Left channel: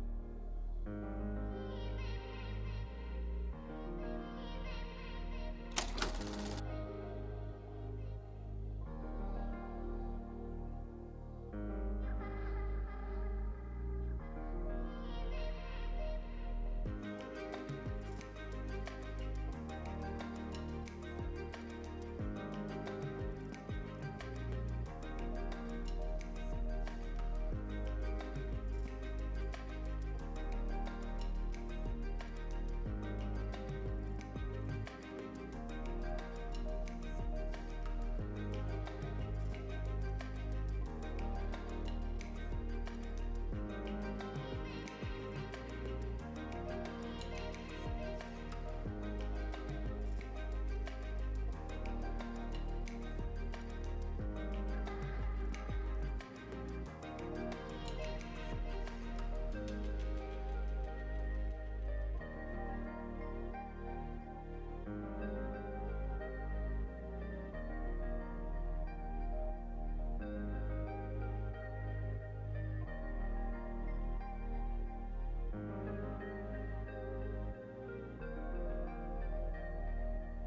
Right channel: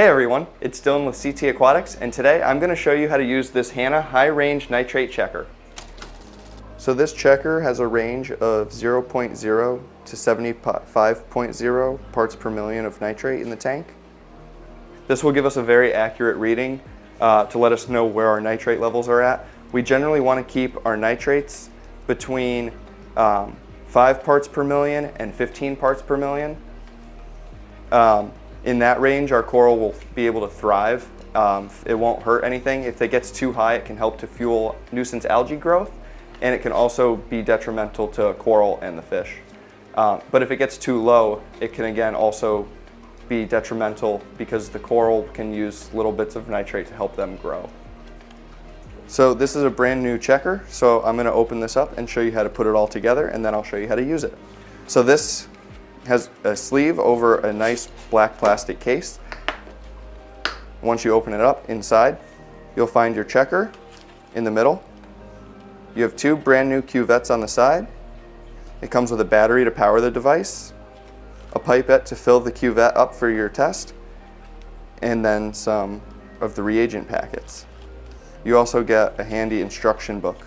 Hey everyone, it's Dylan with CT Aquatics, and today I'm going to show you how to use this Hanna high-range nitrate checker. So this checker has a range of 0.0 to 75.0 parts per million of nitrate in the tank. This will give us a very accurate reading to let us know where our nitrate levels are at. We generally want to keep our nitrates between 5 parts per million and 15 parts per million. In that range, our coral will be able to thrive. It won't hurt anything. If it gets too high, it can help to fuel nuisance algae growth, and it can also be detrimental to coral and the fish. But if it gets too low, it can again also be detrimental because the coral can use little bits of nitrate to help them grow. So this is a brand new checker, so I'm going to open this up and show you how to put it all together, and then I'll show you how to use it. So this has a sleeve over a nice black plastic case. Once you open it up, inside you'll find your checker in the middle. You have 2 brand new cuvettes on the side. It comes with a battery to power the device, a pipette to fill the cuvette up for your test, and then some of the reagent packets. You also get a handy instruction book.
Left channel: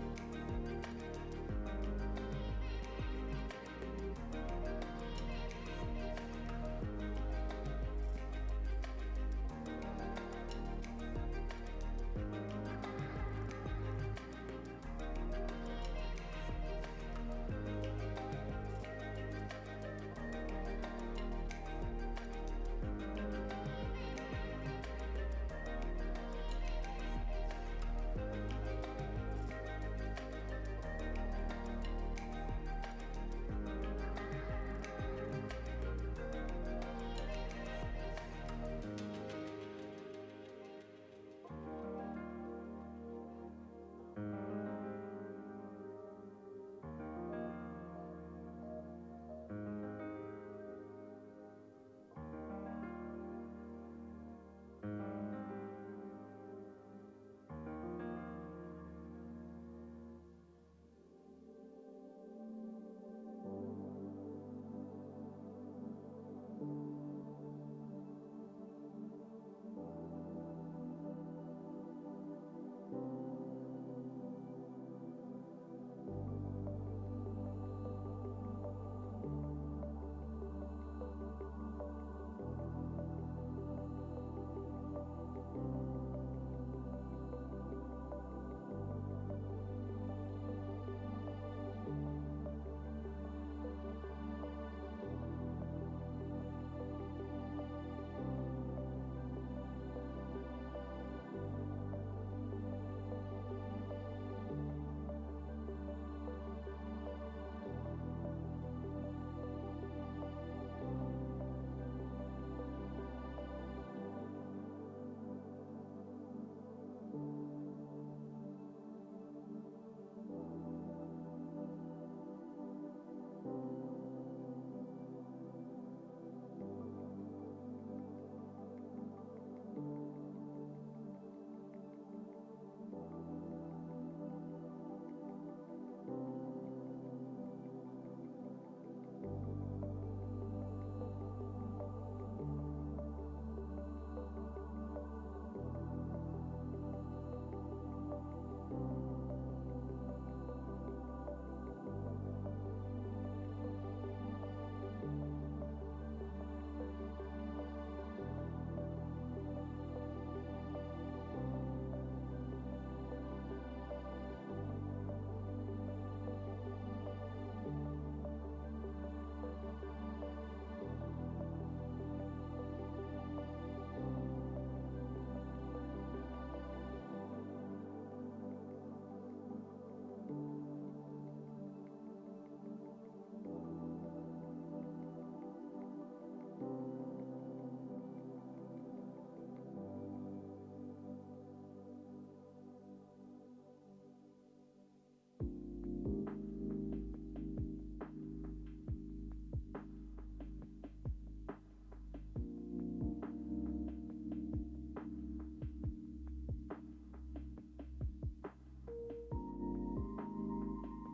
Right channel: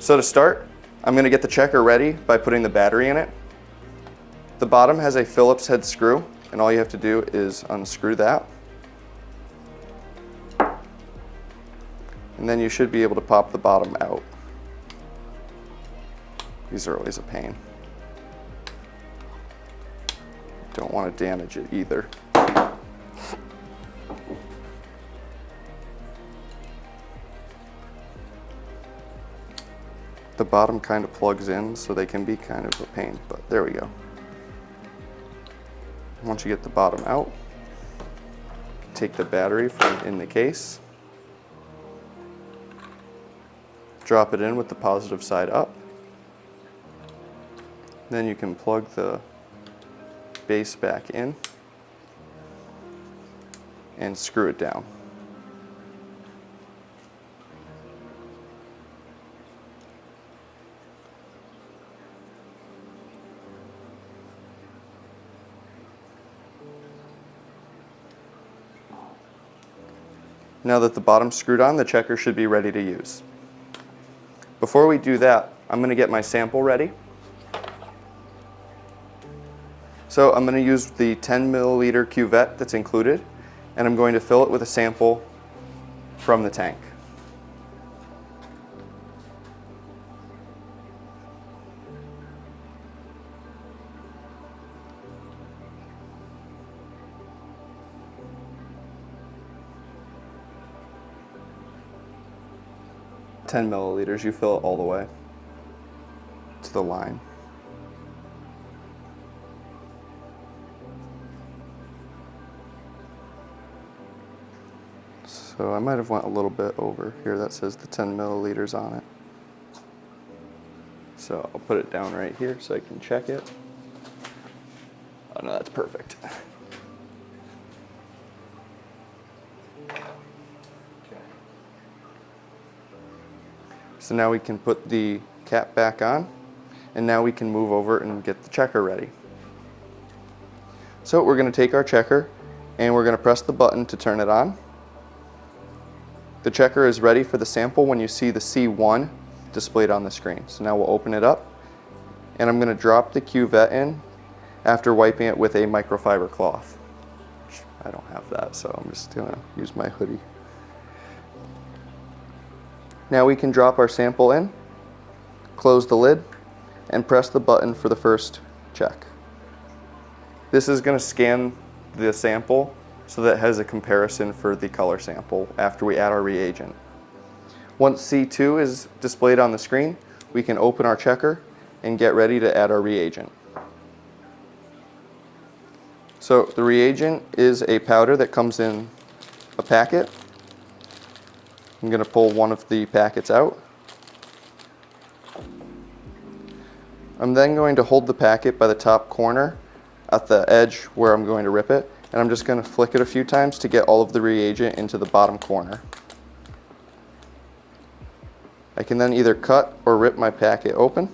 So to start, I'm going to get the checker ready by putting the battery in it. The bottom has a Phillips head screw, and all you have to do is unscrew that. And then you should be able to pop the bottom out. These are always a pain. Don't want to damage it either. The bottom kind of plugs in, so they can be kind of a pain, but there we go. Once you get the bottom out, take the battery from in the case, drop it in with the positive side up. Then you can plug the base back in and screw it down. Now that the bottom's screwed on, the checker should be ready to use. Before we do that, I'm going to get my sample ready. So I'm going to use the 10 milliliter cuvette that's included, and I'm going to fill it with a sample from the tank. $10 milliliters, you fill it all the way to the line. So I might have went a little bit over here. That says the 10 milliliters on it. So I'll put it down right here so I can check it. Oh no, that's perfect. So now we can put the cap back on, and now we can move over and get the checker ready. So we're going to take our checker and we're going to press the button to turn it on. The checker is ready for the sample when you see the C1 displayed on the screen. So now we'll open it up, and I'm going to drop the cuvette in after wiping it with a microfiber cloth. I don't have that, so I'm just going to use my hoodie. Now we can drop our sample in, close the lid, and press the button for the first check. This is going to scan the sample so that it has a comparison for the color sample after we add our reagent. Once C2 is displayed on the screen, we can open our checker and get ready to add our reagent. So the reagent is a powder that comes in a packet. I'm going to pull one of the packets out. I'm then going to hold the packet by the top corner at the edge where I'm going to rip it, and I'm just going to flick it a few times to get all of the reagent into the bottom corner. I can then either cut or rip my packet open.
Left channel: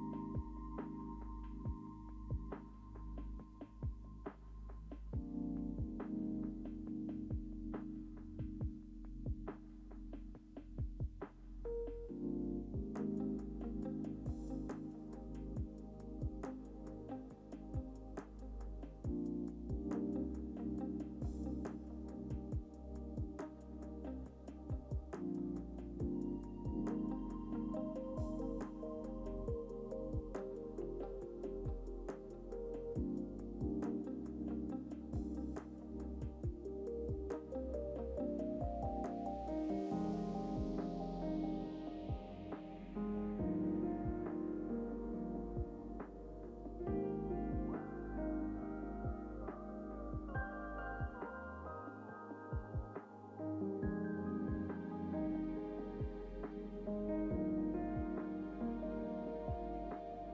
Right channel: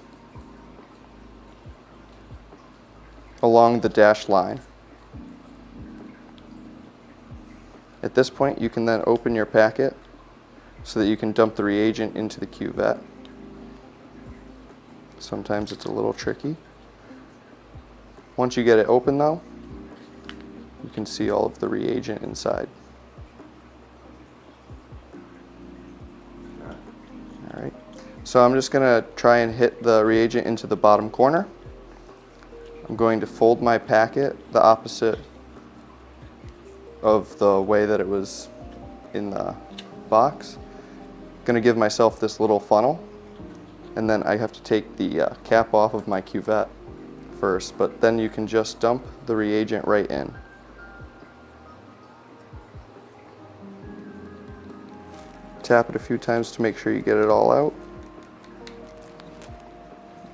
along the dashed line. At this point, you can then open your packet so that you can dump the reagent into the cuvette. Sometimes it's a little tricky. Once you get it open though, you can see all of the reagent inside. All right. So I'm just gonna try and hit the reagent into the bottom corner. I'm going to fold my packet the opposite of the way that it was in the box. I'm gonna give myself this little funnel, and then I have to take the cap off of my cuvette first, but then you can just dump the reagent right in. Tap it a few times to make sure you get it all out.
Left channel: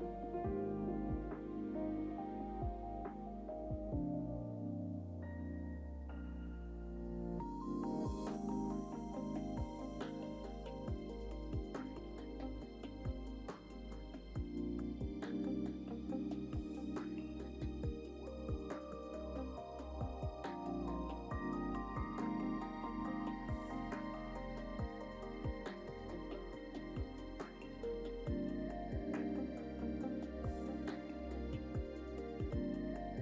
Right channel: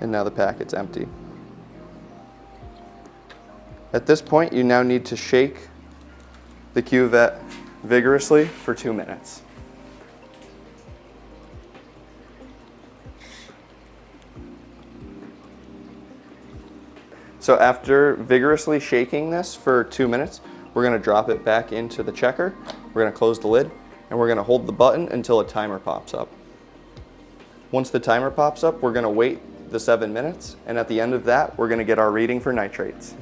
And now the packet's empty. At this point, you now need to shake the cuvette vigorously for 2 minutes. So after vigorously shaking this for 2 minutes, we're gonna drop it back into the checker. We're gonna close the lid, and we're gonna hold the button until a timer pops up. Once the timer pops up, we're gonna wait the 7 minutes, and at the end of that, we're gonna get our reading for nitrates.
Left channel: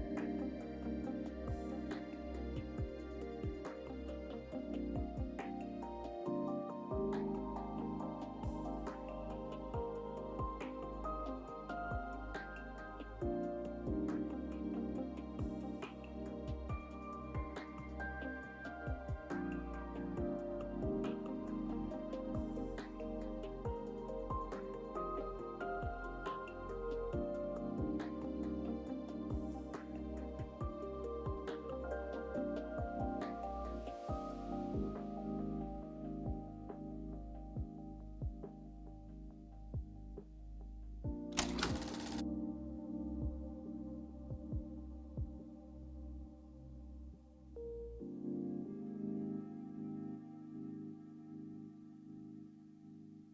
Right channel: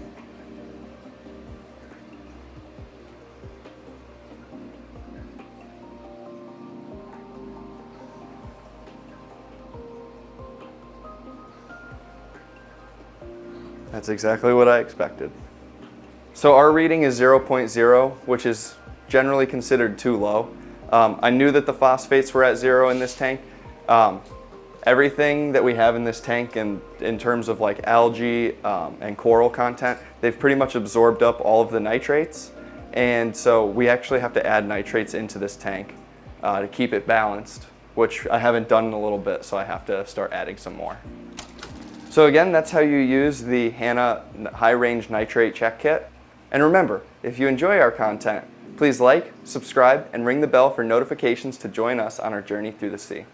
That's exactly what I expected. So our reading is 0.0, which is generally considered too low. I knew that the phosphates were at 0 in this tank. Everything that we have in this tank in terms of like algae and coral content, they've pretty much absorbed up all of the nitrates. And so we actually have to add nitrates into this tank to keep it balanced, which I haven't done in a little bit, so I have to start adding some more. So again, that's how you use the Hanna High Range Nitrate Check Kit. And remember, if you enjoy our content, please like, subscribe, and ring the bell for notifications to join us on our journey through the sea.